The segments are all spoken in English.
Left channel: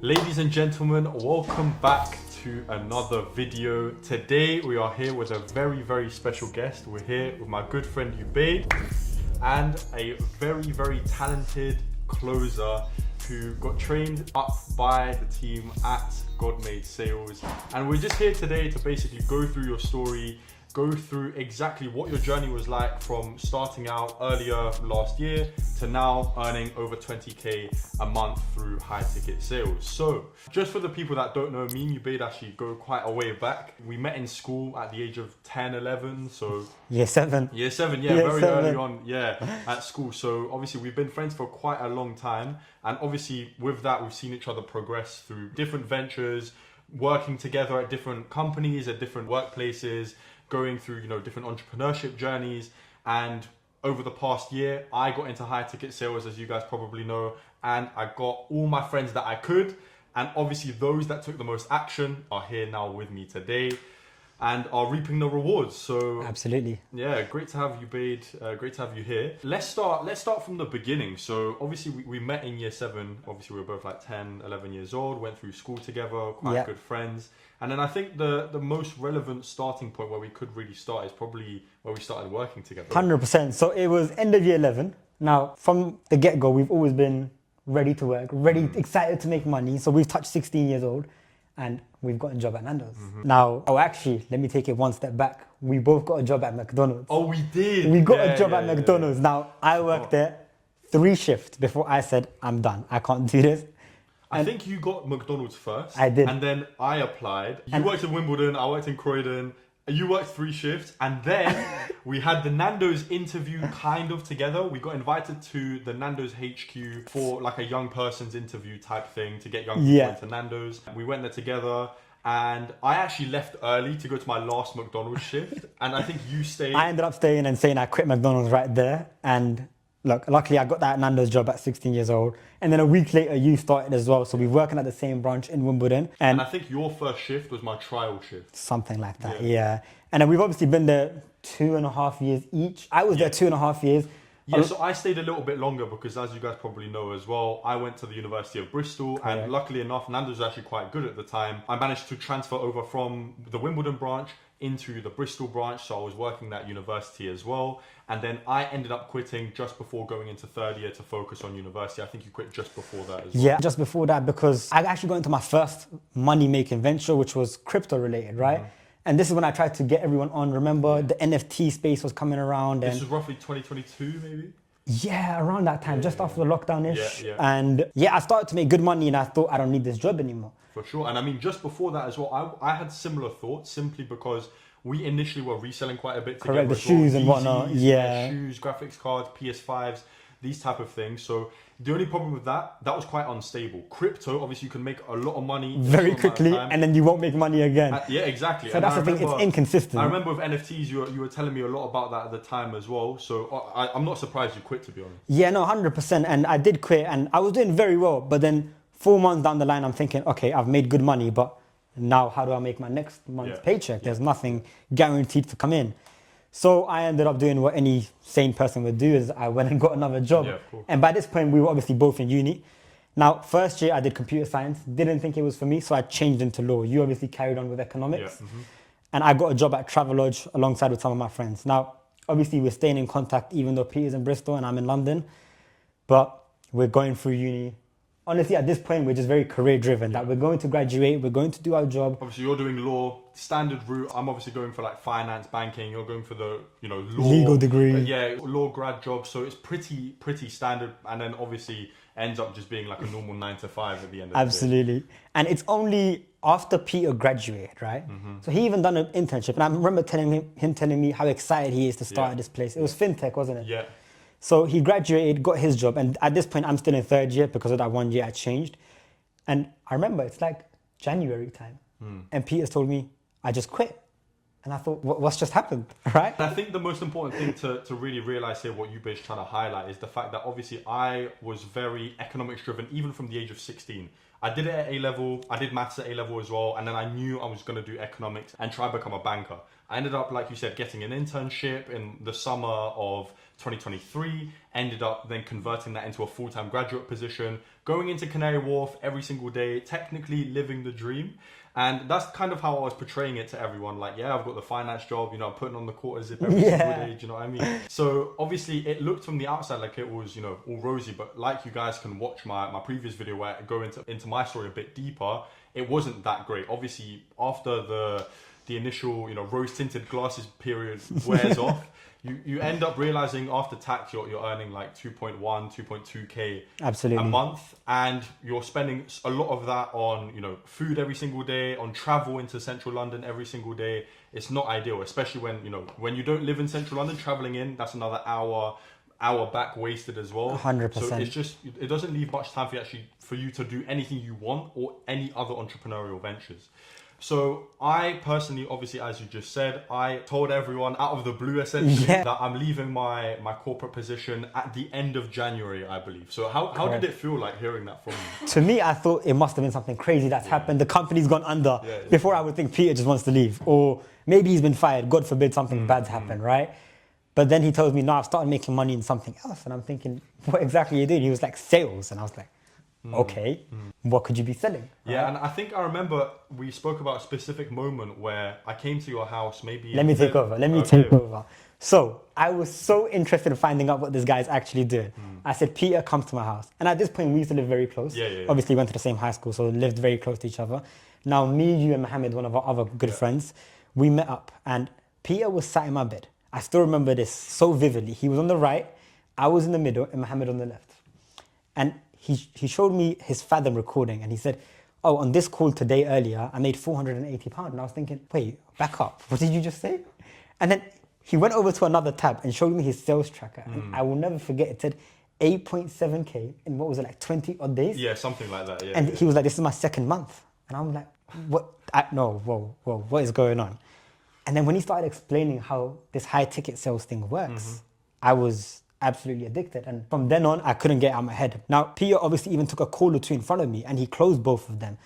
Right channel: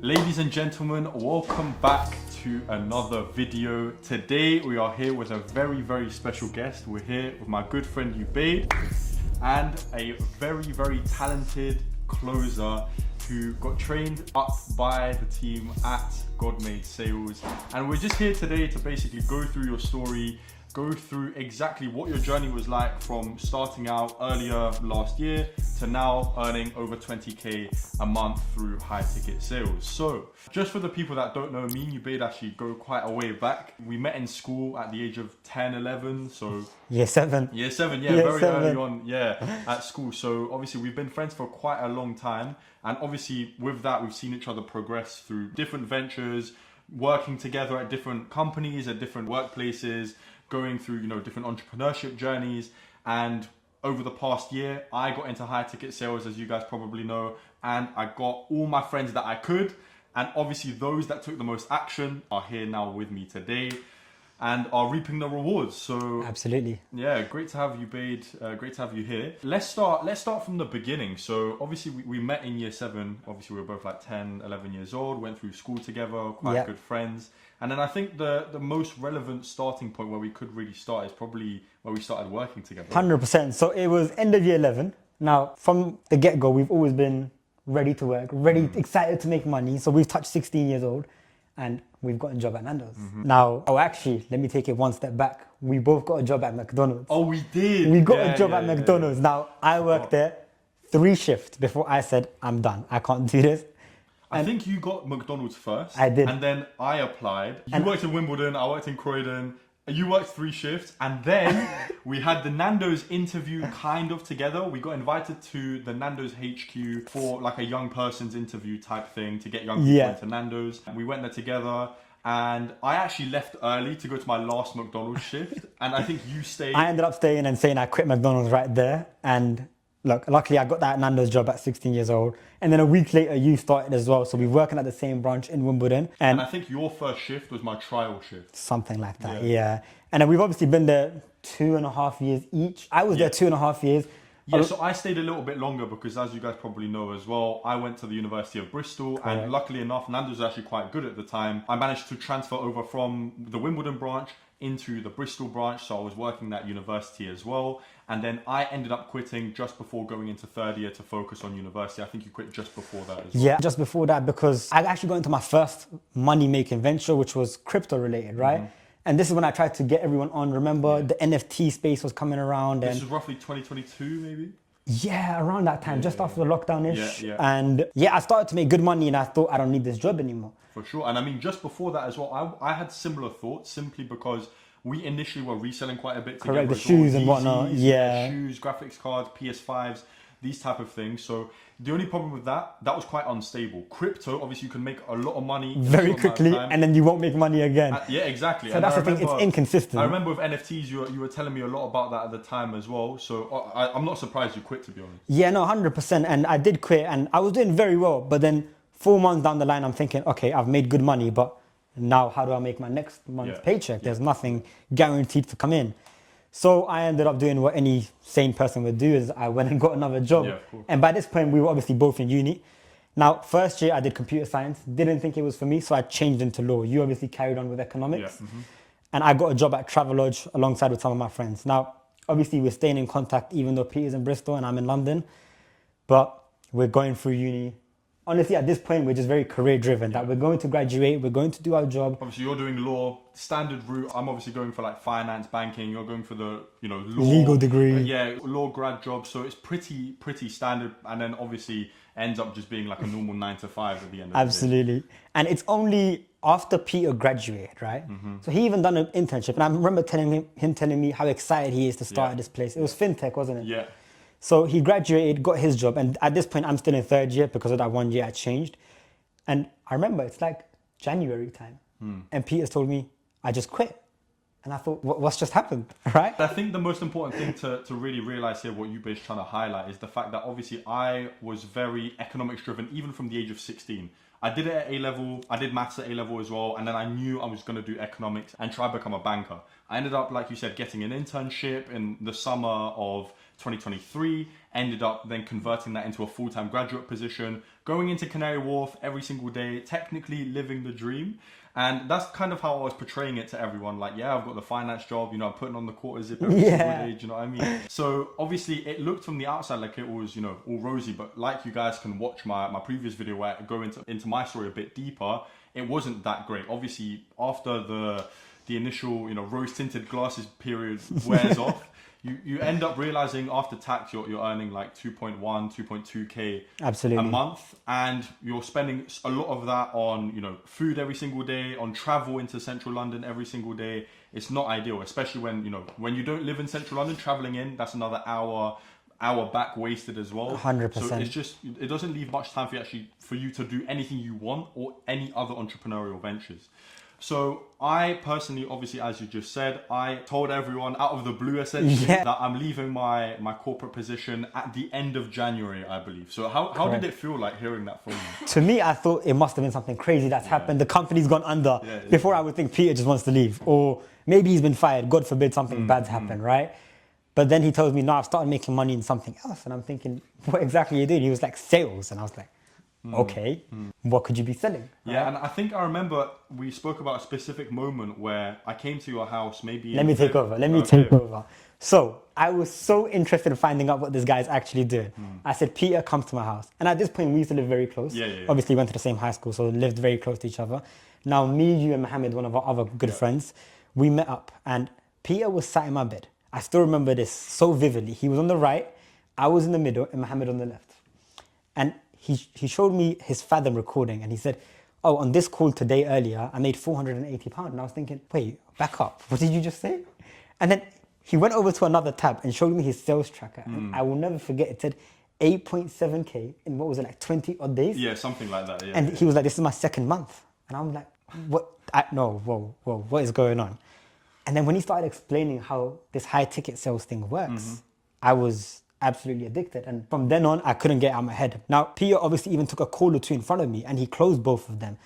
Ladies and gentlemen, welcome back to another video. Today we are here with a very special guest. We're here with my good friend Ubaid and a very talented closer who got trained up by the team at God Made Sales. And we're just here today to basically go through your story, go through exactly what your journey was like from starting out earlier last year to now earning over 20k a month through high ticket sales. So just for the people that don't know, me and Ubaid actually go quite a way back. We met in school at the age of 10, 11, so Year 7, very seven. early on, at school. So obviously we've been friends for quite a long time, and obviously with that we've seen each other progress through different ventures, working together at different companies and different workplaces, going through different entrepreneurship journeys. And over the past year I got into high ticket sales, as you guys probably know, and I got all my friends that I could, and obviously those that took the most action are here now with me today and are reaping the rewards. So Absolutely. yeah, great to have you, Bade. Great to have you here. Let's start from the beginning. So obviously we met in year 7. Obviously we were both like 10, 11 years old, went through school together, quite good friends. And then I think the most relevant starting point where we could really start is probably where we started working together. 100%. So it was end of year 11. Now, from the get-go, we've always been ready to work, ready, excited to make money. So we've touched 16 years old and we've got a job at Nando's. Now, actually, let me take it one step back. We both got a job at McDonald's. Oh, we did? We got a job at McDonald's. Now, I worked there 3 shifts before I said, I'm done. I can't do this. I think you got McDonald's first. I did. And then I applied. You worked in Wimbledon, I worked in Croydon. You worked 3 shifts. And then we had the Nando's interview kind of together. We got invited to the Nando's HQ for like a young person's interview type thing to get young people to Nando's. And we went there together. And I actually left early to go to my last McDonald's shift. And I think you stayed. I ended up staying and saying I quit McDonald's right there. And look, luckily I got that Nando's job at 16 years old. And then a week later you started as well. So we're working at the same branch in Wimbledon. And I think your first shift was my trial shift. Something like that, yeah. And then we've obviously been there 2.5 years each. I was there 2.5 years. Yeah, so I stayed a little bit longer because, as you guys probably know as well, I went to the University of Bristol. Correct. And luckily enough, Nando's was actually quite good at the time. I managed to transfer over from the Wimbledon branch into the Bristol branch, so I was working at university as well. And then I ended up quitting just before going into 3rd year to focus on university. I think you quit just before that as well. Yeah, just before that, because I actually got into my first money-making venture, which was crypto related, right? And this is when I tried to get everyone on. Remember, the NFT space was coming around. And this is roughly 2022, maybe? Yeah, around that time, just after the lockdown-ish. Yeah. And yeah, I started to make good money and I thought I don't need this job anymore. For sure. And I mean, just before that as well, I had similar thoughts simply because we initially were reselling quite a bit. Correct, the shoes and whatnot, yeah. Shoes, graphics cards, PS5s, these type of things. So the only problem with that was quite unstable. Crypto, obviously you can make a lot of money very quickly and then you won't make money again. Yeah, exactly. So that's the thing, it's inconsistent. I remember with NFTs, you were telling me a lot about that at the time as well. So I'm not surprised you quit, to be honest. Yeah, no, 100%. And I did quit and I was doing very well. But then 4 months down the line, I'm thinking, okay, I've made good money, but now how do I make my next month's paycheck? There's nothing guaranteed to come in. So I ended up doing what any sane person would do, is I went and got another job. Yeah, cool. And by this point, we were obviously both in uni. Now, first year I did computer science, didn't think it was for me, so I changed into law. You obviously carried on with economics. Yeah. And I got a job at Travelodge alongside with some of my friends. Now, obviously we're staying in contact even though Peter's in Bristol and I'm in London, but we're going through uni. Honestly, at this point, we're just very career driven, that we're going to graduate, we're going to do our job. Obviously, you're doing law, standard route. I'm obviously going for like finance, banking. You're going for the, law, legal degree. Yeah, law grad job. So it's pretty standard. And then obviously ends up just being like a normal 9 to 5 at the end. Absolutely. And it's only after Peter graduated, right? So he even done an internship. And I remember him telling me how excited he is to start at this place. It was fintech, wasn't it? Yeah. So he graduated, got his job, and at this point I'm still in 3rd year because of that 1 year I changed. And I remember it's like January time, and Peter's told me, I just quit. And I thought, what's just happened, right? And I think the most important thing to really realise here, what you've been trying to highlight, is the fact that obviously I was very economics driven, even from the age of 16. I did it at A-level, I did maths at A-level as well, and then I knew I was going to do economics and try to become a banker. I ended up, like you said, getting an internship in the summer of 2023, ended up then converting that into a full-time graduate position, going into Canary Wharf every single day, technically living the dream. And that's kind of how I was portraying it to everyone. Like, yeah, I've got the finance job, you know, I'm putting on the quarter zip every single day, do you know what I mean? So obviously it looked from the outside like it was, you know, all rosy, but like you guys can watch my previous video where I go into my story a bit deeper, it wasn't that great. Obviously after the initial, you know, rose-tinted glasses period wears off, you end up realizing after tax you're earning like 2.1, 2.2k absolutely a month, and you're spending a lot of that on, you know, food every single day, on travel into central London every single day. It's not ideal, especially when, you know, when you don't live in central London, traveling in, that's another hour back wasted as well. 100%. So it's just, it doesn't leave much time for you to do anything you want or any other entrepreneurial ventures. So I personally, obviously, as you just said, I told everyone out of the blue essentially that I'm leaving my corporate position at the end of January, I believe. So how did it feel like hearing that from you? To me, I thought it must have been something crazy that's happened. The company's gone under. Before I would think Peter just wants to leave, or maybe he's been fired. God forbid something bad's happened, right? But then he tells me, no, I've started making money in something else. And I'm thinking, what exactly are you doing? He was like, sales. And I was like, okay, what could you be selling? Right? Yeah, and I think I remember we spoke about a specific moment where I came to your house, maybe... Let me take over. So I was so interested in finding out what this guy's actually doing. I said, Peter, come to my house. And at this point, we used to live very close. Obviously, went to the same high school, so lived very close to each other. Now, me, you, and Mohammed, one of our other good friends, we met up. And Peter was sat in my bed. I still remember this so vividly. He was on the right, I was in the middle, and Mohammed on the left. And he showed me his Fathom recording, and he said, oh, on this call today earlier, I made £480. And I was thinking, wait, back up. What did you just say? And then he went over to another tab and showed me his sales tracker. And I will never forget, it said 8.7K in what was it, like 20 odd days? Yeah, something like that, yeah. And he was like, this is my second month. And I'm like, what? Whoa, what is going on? And then when he started explaining how this high ticket sales thing works, I was absolutely addicted. And from then on, I couldn't get out of my head. Now, Peter obviously even took a call or two in front of me and he closed both of them.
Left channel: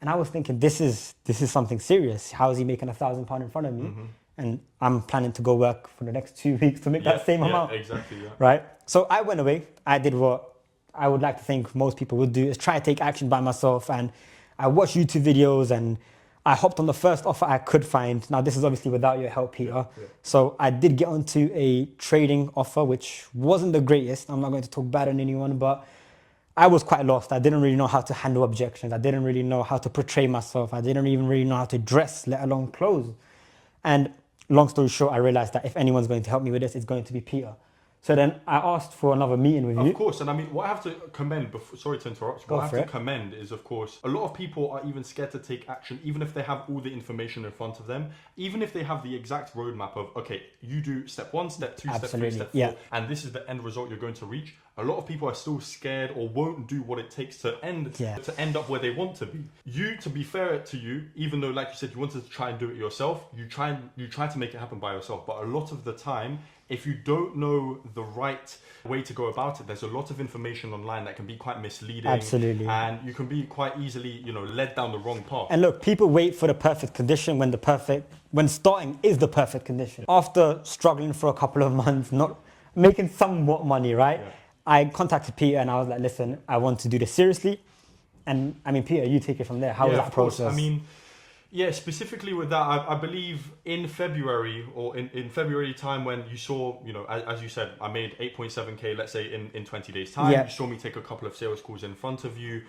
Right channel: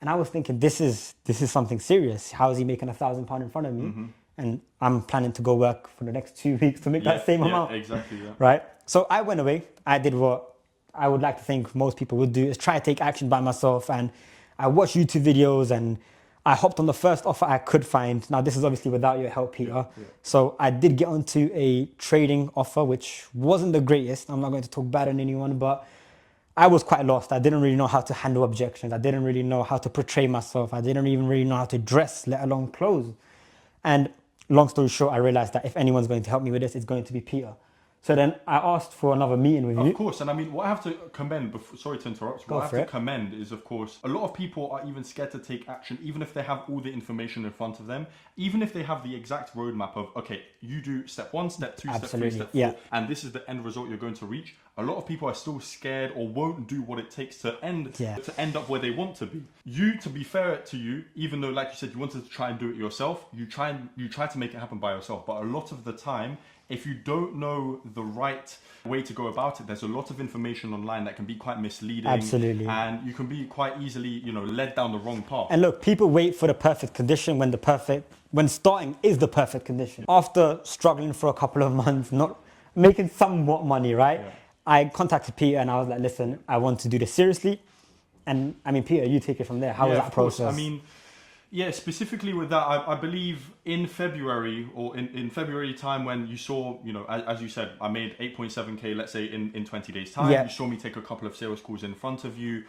And I was thinking, this is something serious. How is he making £1,000 in front of me? And I'm planning to go work for the next 2 weeks to make that same amount. Exactly. Right? So I went away. I did what I would like to think most people would do, is try to take action by myself. And I watched YouTube videos and I hopped on the first offer I could find. Now, this is obviously without your help, Peter. So I did get onto a trading offer, which wasn't the greatest. I'm not going to talk bad on anyone, but I was quite lost. I didn't really know how to handle objections. I didn't really know how to portray myself. I didn't even really know how to dress, let alone clothes. And long story short, I realized that if anyone's going to help me with this, it's going to be Peter. So then I asked for another meeting with you. Of course, and I mean, what I have to commend, sorry to interrupt, Go for it. What I have to commend is, of course, a lot of people are even scared to take action, even if they have all the information in front of them, even if they have the exact roadmap of, okay, you do step 1, step 2, Absolutely. step 3, step 4, and this is the end result you're going to reach. A lot of people are still scared or won't do what it takes to end up where they want to be. You, to be fair to you, even though, like you said, you wanted to try and do it yourself, you try to make it happen by yourself, but a lot of the time, if you don't know the right way to go about it, there's a lot of information online that can be quite misleading. Absolutely. And you can be quite easily, led down the wrong path. And look, people wait for the perfect condition when starting is the perfect condition. After struggling for a couple of months, not making somewhat money, right? I contacted Peter and I was like, listen, I want to do this seriously. And I mean, Peter, you take it from there. How was that process? I mean, yeah, specifically with that, I believe in February or in February time when you saw, as you said, I made 8.7K, let's say in 20 days time. You saw me take a couple of sales calls in front of you.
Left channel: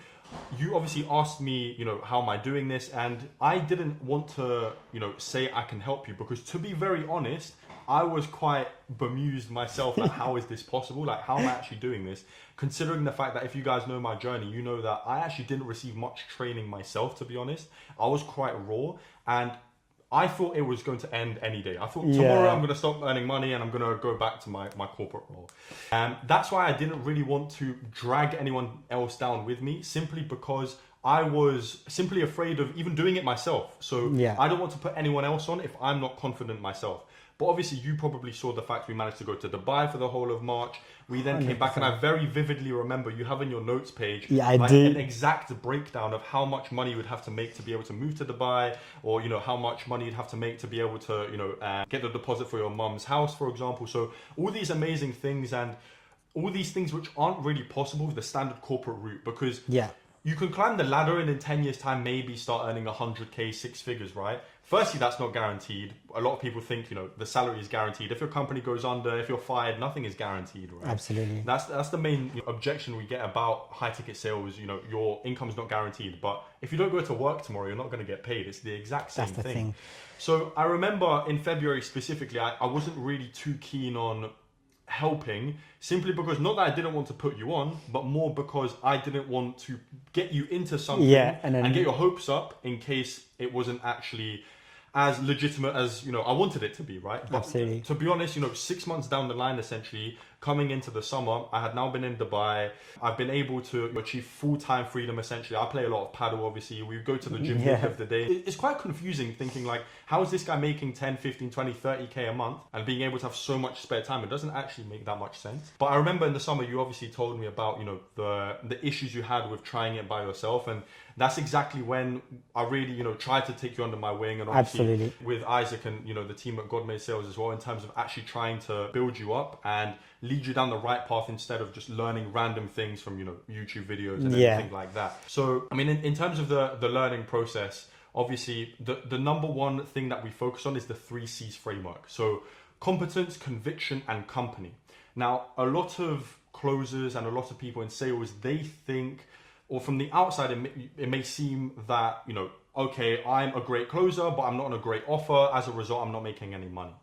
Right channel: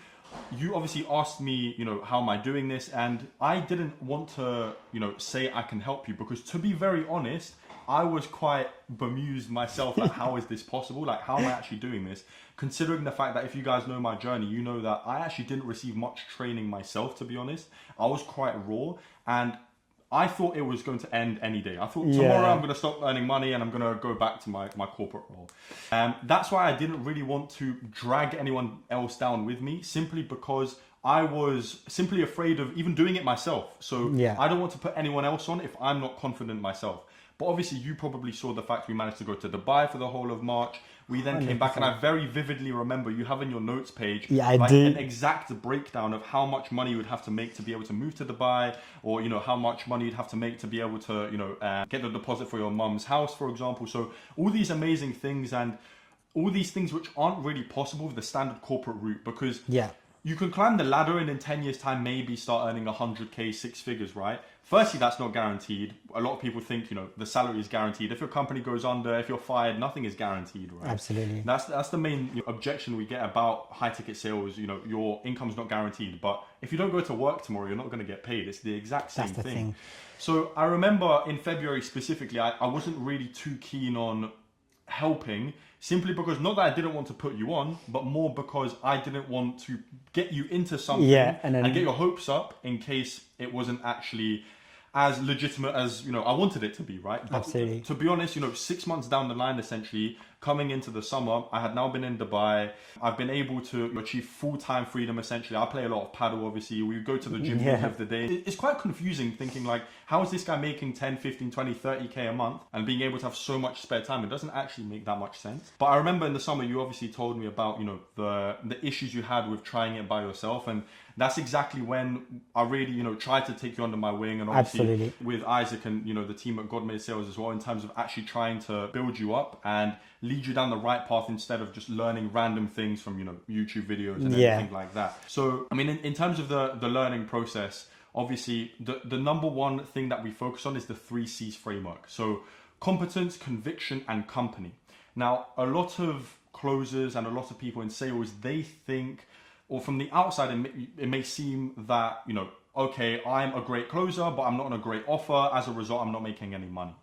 You obviously asked me, how am I doing this? And I didn't want to, say I can help you because, to be very honest, I was quite bemused myself at how is this possible? Like, how am I actually doing this? Considering the fact that if you guys know my journey, you know that I actually didn't receive much training myself, to be honest. I was quite raw and I thought it was going to end any day. I thought tomorrow I'm going to stop earning money and I'm going to go back to my corporate role. And that's why I didn't really want to drag anyone else down with me, simply because I was simply afraid of even doing it myself. So I don't want to put anyone else on if I'm not confident myself. But obviously you probably saw the fact we managed to go to Dubai for the whole of March. We then 100%. Came back and I very vividly remember you have in your notes page an exact breakdown of how much money you would have to make to be able to move to Dubai, or how much money you'd have to make to be able to get a deposit for your mum's house, for example. So all these amazing things, and all these things which aren't really possible with the standard corporate route, because Yeah. you can climb the ladder and in 10 years time maybe start earning 100k, 6 figures, right? Firstly, that's not guaranteed. A lot of people think, the salary is guaranteed. If your company goes under, if you're fired, nothing is guaranteed, right? Absolutely. That's the main objection we get about high ticket sales. Your income's not guaranteed, but if you don't go to work tomorrow, you're not going to get paid. It's the exact same That's the thing. So I remember in February specifically, I wasn't really too keen on helping, simply because, not that I didn't want to put you on, but more because I didn't want to get you into something and get your hopes up in case it wasn't actually as legitimate as I wanted it to be, right? But Absolutely. to be honest, 6 months down the line, essentially coming into the summer, I had now been in Dubai. I've been able to achieve full-time freedom. Essentially, I play a lot of paddle. Obviously, we go to the gym of the day. It's quite confusing thinking like, how is this guy making 10, 15, 20, 30k a month and being able to have so much spare time? It doesn't actually make that much sense. But I remember in the summer, you obviously told me about the issues you had with trying it by yourself, and that's exactly when I really, tried to take you under my wing, and Absolutely with Isaac and the team at God Made Sales as well, in terms of actually trying to build you up and lead you down the right path instead of just learning random things from YouTube videos and everything like that. So I mean, in terms of the learning process, obviously the number one thing that we focus on is the 3 C's framework. So competence, conviction, and company. Now, a lot of closers and a lot of people in sales, they think, or from the outside, it may seem that, okay, I'm a great closer, but I'm not on a great offer. As a result, I'm not making any money.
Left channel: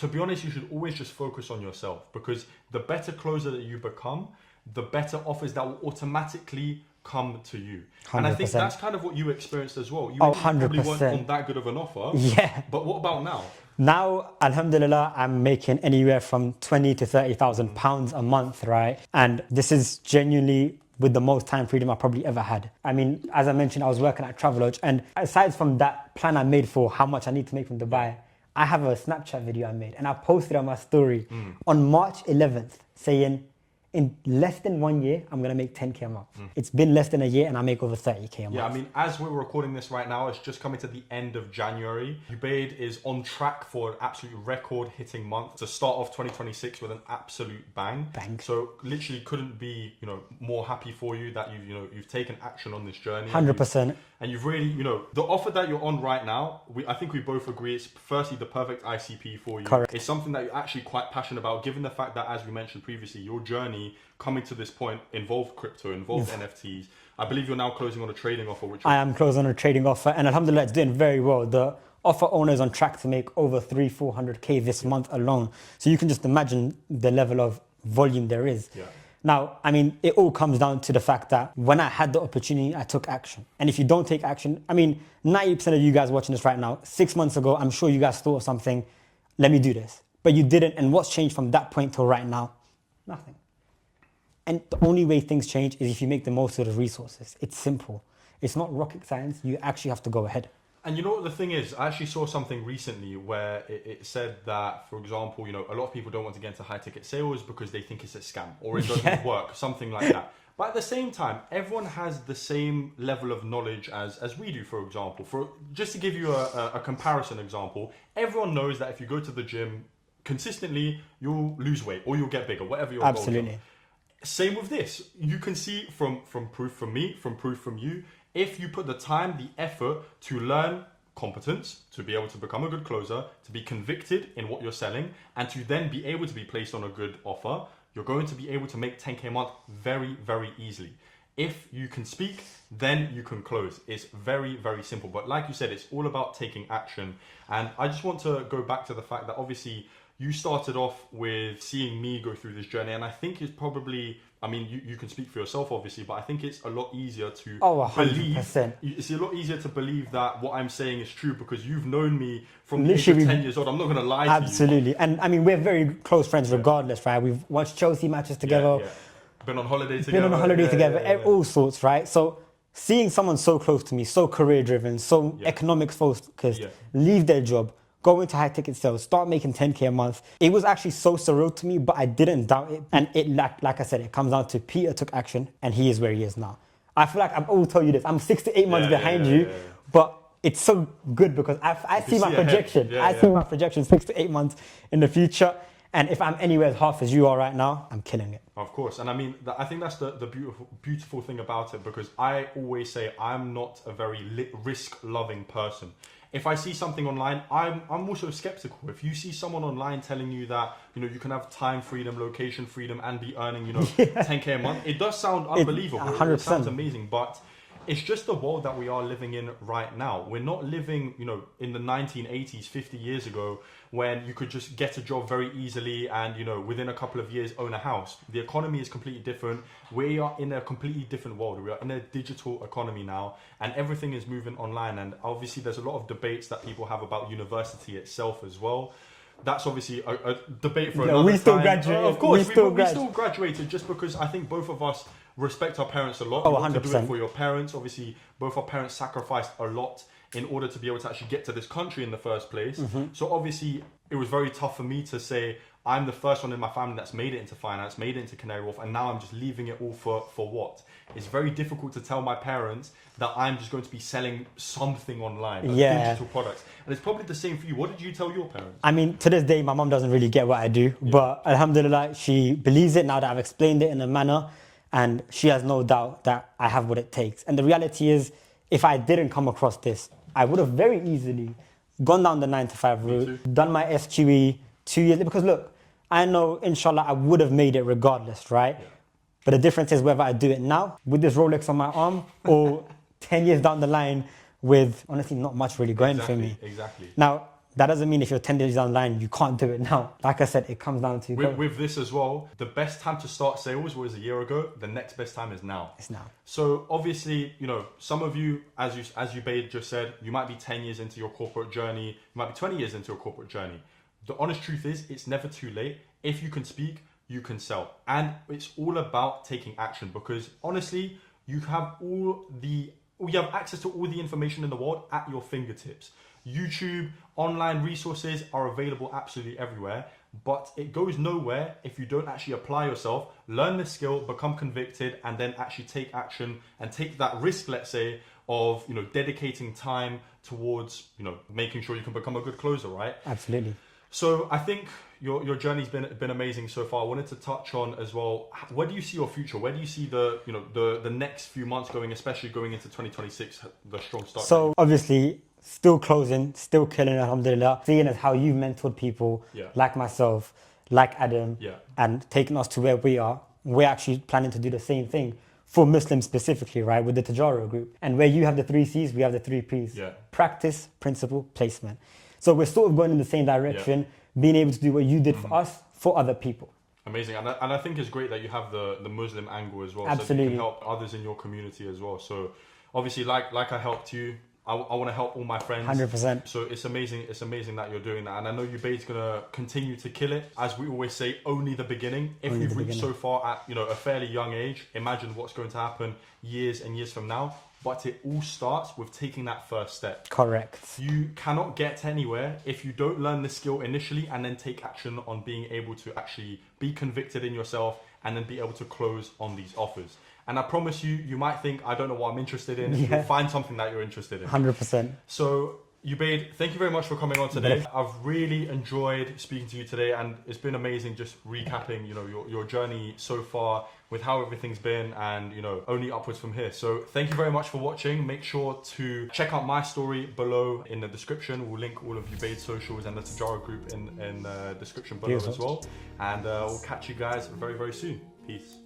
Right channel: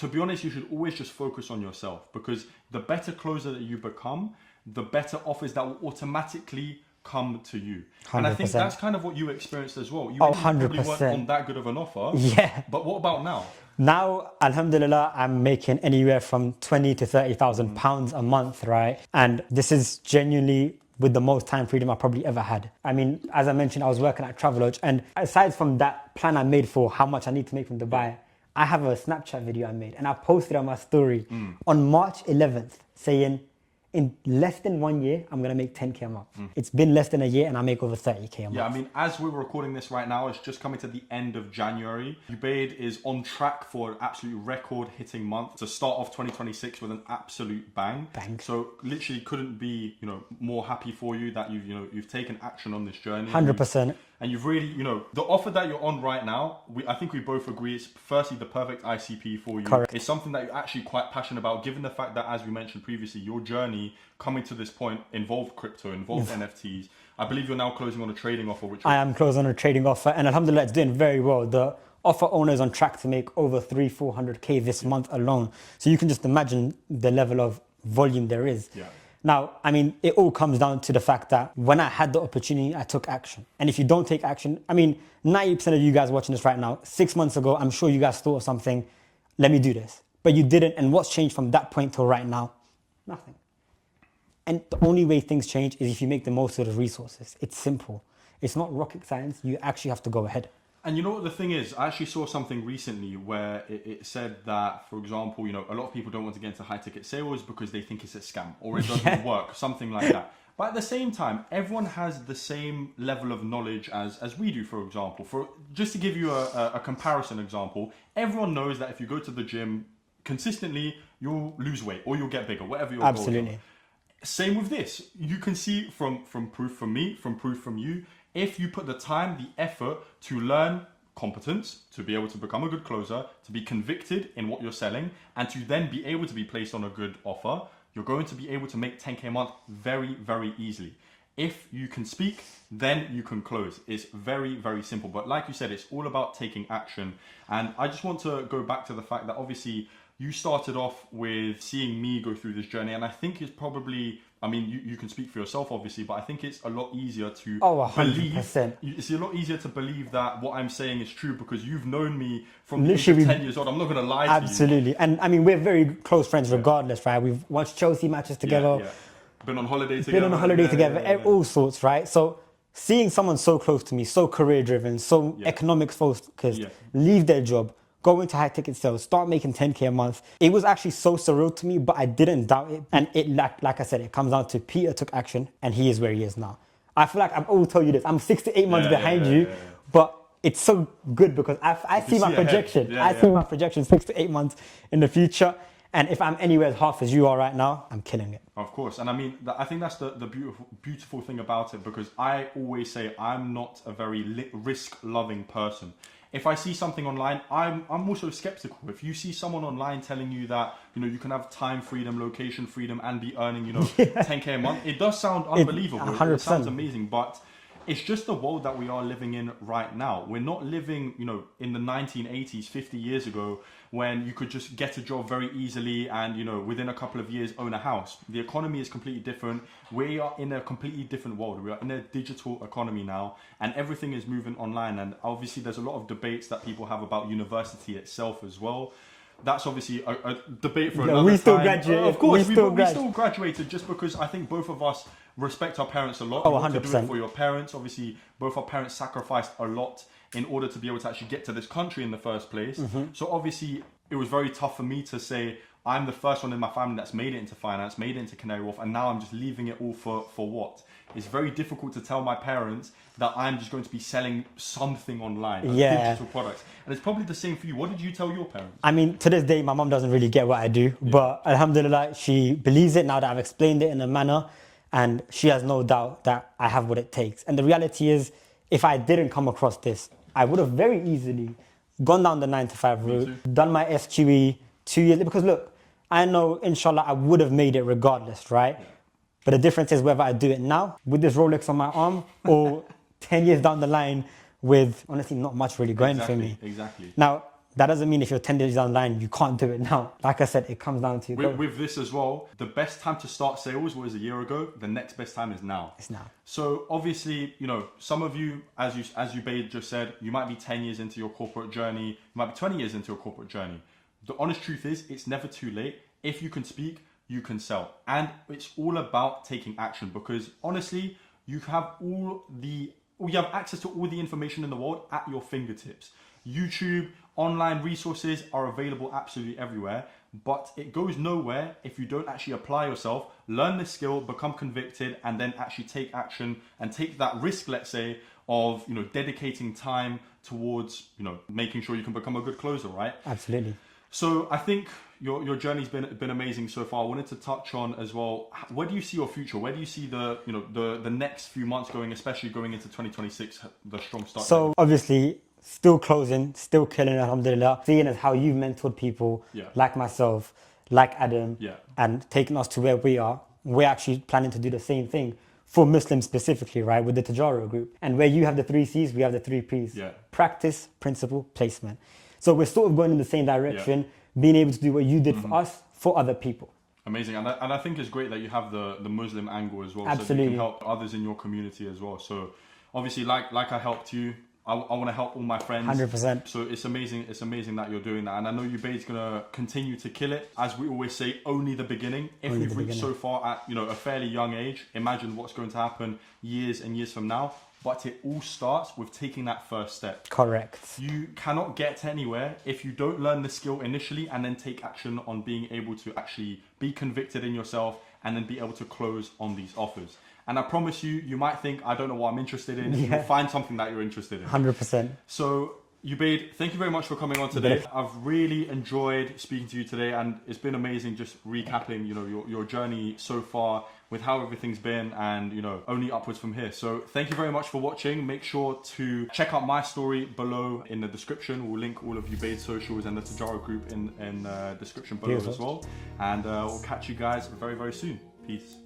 To be honest, you should always just focus on yourself, because the better closer that you become, the better offers that will automatically come to you. 100%. And I think that's kind of what you experienced as well. You 100%. weren't on that good of an offer. Yeah. But what about now? Now, alhamdulillah, I'm making anywhere from 20 to 30,000 pounds a month, right? And this is genuinely with the most time freedom I probably ever had. I mean, as I mentioned, I was working at Travelodge, and aside from that plan I made for how much I need to make from Dubai, I have a Snapchat video I made, and I posted on my story on March 11th saying, in less than 1 year, I'm going to make 10k a month. It's been less than a year and I make over 30k a month. Yeah, I mean, as we're recording this right now, it's just coming to the end of January. Ubaid is on track for an absolute record-hitting month to start off 2026 with an absolute bang. So literally couldn't be, more happy for you that you've taken action on this journey. 100%. And you've really, the offer that you're on right now, I think we both agree it's firstly the perfect ICP for you. Correct. It's something that you're actually quite passionate about, given the fact that, as we mentioned previously, your journey coming to this point involved crypto, involved NFTs. I believe you're now closing on a trading offer. I am closing on a trading offer, and alhamdulillah, it's doing very well. The offer owner is on track to make over 300-400k this month alone. So you can just imagine the level of volume there is. Yeah. Now, I mean, it all comes down to the fact that when I had the opportunity, I took action. And if you don't take action, I mean, 90% of you guys watching this right now, 6 months ago, I'm sure you guys thought of something, let me do this. But you didn't, and what's changed from that point till right now? Nothing. And the only way things change is if you make the most of the resources. It's simple. It's not rocket science. You actually have to go ahead. And you know what the thing is? I actually saw something recently where it said that, for example, a lot of people don't want to get into high ticket sales because they think it's a scam or it doesn't work, something like that. But at the same time, everyone has the same level of knowledge as we do, for example. Just to give you a comparison example, everyone knows that if you go to the gym consistently, you'll lose weight or you'll get bigger, whatever your Absolutely. goal is. Same with this. You can see from proof from me, from proof from you, if you put the time, the effort to learn competence, to be able to become a good closer, to be convicted in what you're selling, and to then be able to be placed on a good offer, you're going to be able to make 10k a month very, very easily. If you can speak, then you can close. It's very, very simple. But like you said, it's all about taking action. And I just want to go back to the fact that obviously you started off with seeing me go through this journey, and I think it's probably, I mean, you can speak for yourself obviously, but I think it's a lot easier to 100%. It's a lot easier to believe that what I'm saying is true because you've known me from literally 10 years old. I'm not going to lie to you. Absolutely. And I mean, we're very close friends regardless, right? We've watched Chelsea matches together. Been on holiday together. Been on a holiday together, all sorts, right? So seeing someone so close to me, so career driven, so economics focused, leave their job, go into high ticket sales, start making 10k a month. It was actually so surreal to me, but I didn't doubt it. And it, like I said, it comes down to Peter took action and he is where he is now. I feel like I've always told you this. I'm 6 to 8 months behind you, but it's so good because I see my projection. I see my projection 6 to 8 months in the future. And if I'm anywhere as half as you are right now, I'm killing it. Of course, and I mean, I think that's the beautiful thing about it, because I always say I'm not a very risk-loving person. If I see something online, I'm also skeptical. If you see someone online telling you that, you know, you can have time freedom, location freedom, and be earning, you know, 10K a month, it does sound unbelievable. 100%. It sounds amazing, but it's just the world that we are living in right now. We're not living, you know, in the 1980s, 50 years ago, when you could just get a job very easily and, you know, within a couple of years own a house. The economy is completely different. We are in a completely different world. We are in a digital economy now, and everything is moving online. And obviously there's a lot of debates that people have about university itself as well. That's obviously a debate for no, we still graduated. Of course, we still graduated just because I think both of us respect our parents a lot. Oh, 100%. For your parents, obviously, both our parents sacrificed a lot in order to be able to actually get to this country in the first place. So obviously, it was very tough for me to say, I'm the first one in my family that's made it into finance, made it into Canary Wharf, and now I'm just leaving it all for what? It's very difficult to tell my parents that I'm just going to be selling something online. Yeah. Digital products. And it's probably the same for you. What did you tell your parents? I mean, to this day, my mom doesn't really get what I do, but alhamdulillah, she believes it now that I've explained it in a manner, and she has no doubt that I have what it takes. And the reality is, if I didn't come across this, I would have very easily gone down the 9-to-5 route, done my SQE 2 years, because look, I know, inshallah, I would have made it regardless, right? But the difference is whether I do it now with this Rolex on my arm or 10 years down the line with, honestly, not much really going for me. Exactly. Now, that doesn't mean if you're 10 years down the line, you can't do it now. Like I said, it comes down to... With this as well, the best time to start sales was a year ago. The next best time is now. It's now. So obviously, you know, some of you, as you just said, you might be 10 years into your corporate journey. You might be 20 years into a corporate journey. The honest truth is, it's never too late. If you can speak, you can sell. And it's all about taking action, because honestly, you have access to all the information in the world at your fingertips. YouTube, online resources are available absolutely everywhere, but it goes nowhere if you don't actually apply yourself, learn the skill, become convicted, and then actually take action and take that risk, let's say, of, you know, dedicating time towards, you know, making sure you can become a good closer, right? Absolutely. So I think your journey's been amazing so far. I wanted to touch on as well, where do you see your future? Where do you see the next few months going, especially going into 2026, the strong start? So obviously, still closing, still killing, alhamdulillah. Seeing as how you've mentored people like myself, like Adam, and taking us to where we are, we're actually planning to do the same thing for Muslims specifically, right, with the Tajaro group. And where you have the 3 C's, we have the 3 P's. Practice, principle, placement. So we're sort of going in the same direction, being able to do what you did for us, for other people. Amazing. And I think it's great that you have the Muslim angle as well. Absolutely. So you can help others in your community as well. So obviously, like I helped you, I want to help all my friends. 100%. So it's amazing that you're doing that. And I know Ubaid's going to continue to kill it. As we always say, only the beginning. If you've reached so far at, you know, a fairly young age, imagine what's going to happen years and years from now. But it all starts with taking that first step. Correct. You cannot get anywhere if you don't learn the skill initially and then take action on being able to actually be convicted in yourself and then be able to close on these offers. And I promise you, you might think, I don't know what I'm interested in. You'll find something that you're interested in. 100%. So, Ubaid, thank you very much for coming on today. I've really enjoyed speaking to you today, and it's been amazing just recapping, you know, your journey so far with how everything's been, and, you know, only upwards from here. So thank you very much for watching. Make sure to check out my story below in the description. We'll link all of Ubaid's socials and the Tajaro group in the description below as well. And we'll catch you guys very, very soon. Peace.